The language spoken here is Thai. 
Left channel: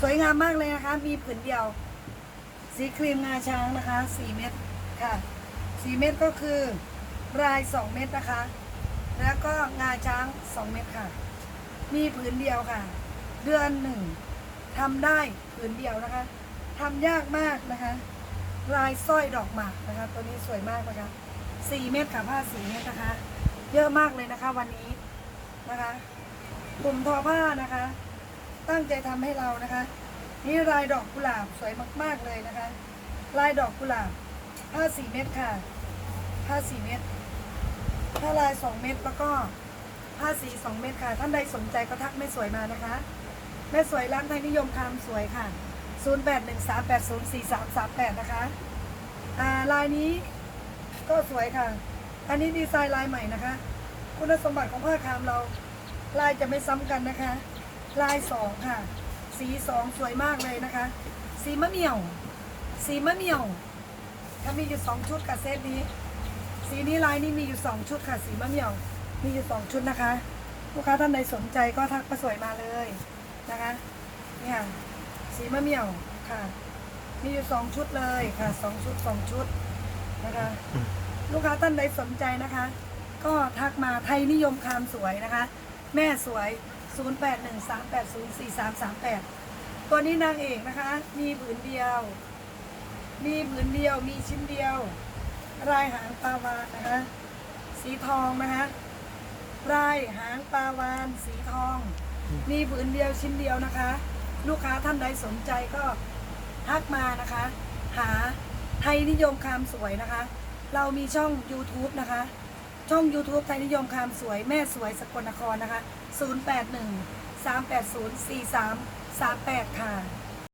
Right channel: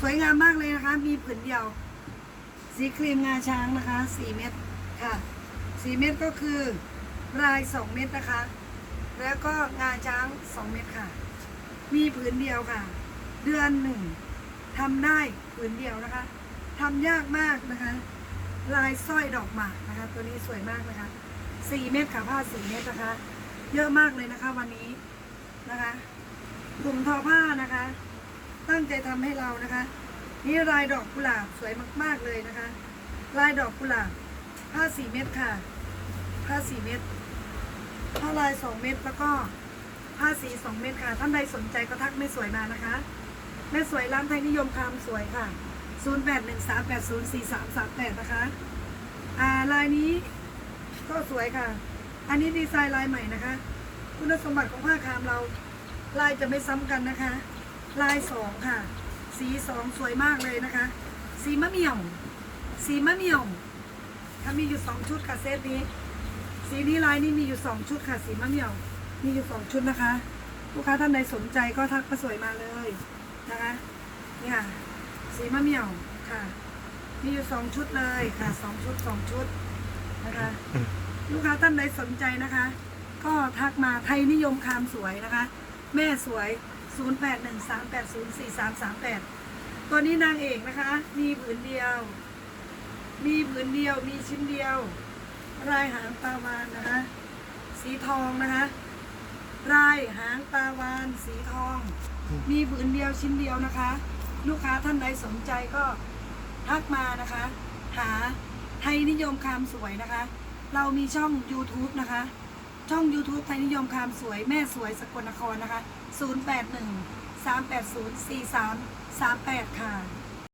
สวยงามมากเลยนะคะ มีผืนเดียว สีครีมงาช้างนะคะ4เม็ดค่ะ4เม็ดก็คือลาย2เม็ดนะคะ แล้วก็งาช้าง2เม็ดค่ะ มีผืนเดียวค่ะ เดือนหนึ่งทำได้ผืนเดียวนะคะทำยากมากนะคะ ลายสร้อยดอกหมากนะคะ ตัวนี้สวยมากนะคะ4เม็ดค่ะผ้า4เม็ดนะคะ เยอะมากเลยนะคะ วันนี้นะคะกลุ่มทอผ้านะคะ ตั้งใจทำให้เรานะคะ นี่ลายดอกกุหลาบสวยมาก ๆเลยนะคะ ลายดอกกุหลาบผ้าสี่เม็ดค่ะ ผ้าสี่เม็ดผ้าลายสองเม็ดแล้วก็ผ้าสีสองเม็ดค่ะ ท่านใดสนใจก็ทักแม่สวยมานะคะ แม่สวยร้านไทยนิยมความสวยค่ะ 0813804338 นะคะ อ่าลายนี้ก็สวยค่ะ อันนี้ดีไซน์ลายใหม่นะคะ คุณสมบัติของผ้าคามเราลายจะไม่ซ้ำกันนะคะ ลายสองค่ะ สีสองสวยมากเลยนะคะ สีมะเหมี่ยว สีมะเหมี่ยว ถ้ามีอยู่สองชุดค่ะเซตนี้ สีนี้ลายนี้มีอยู่สองชุดค่ะ สีมะเหมี่ยว มีอยู่สองชุดนะคะ ลูกค้าท่านใดสนใจก็ทักมาสวยมาเลยนะคะ เนี่ยค่ะสีมะเหมี่ยวค่ะ มีอยู่สองชุดเลยค่ะสองชุดสองชุดนะคะ ลูกค้าท่านใดสนใจนะคะ ก็ทักมาไทยนิยมคามสวยนะคะ แม่สวย 0813804338 ตัวนี้นางเอกนะคะ มีผืนเดียว มีผืนเดียว มีชิ้นเดียวลายหางปลาวานนะคะ สีทองนะคะลายหางปลาวานสีทอง มีผืนเดียวชิ้นเดียวนะคะ ลูกค้าท่านใดสนใจก็ทักมานะคะ หาไทยนิยมคามสวยนะคะ เรามีช่อง YouTube นะคะ ช่อง YouTube ไทยนิยมคามสวยแม่สวยสกลนครนะคะ 081 380 4338 ค่ะ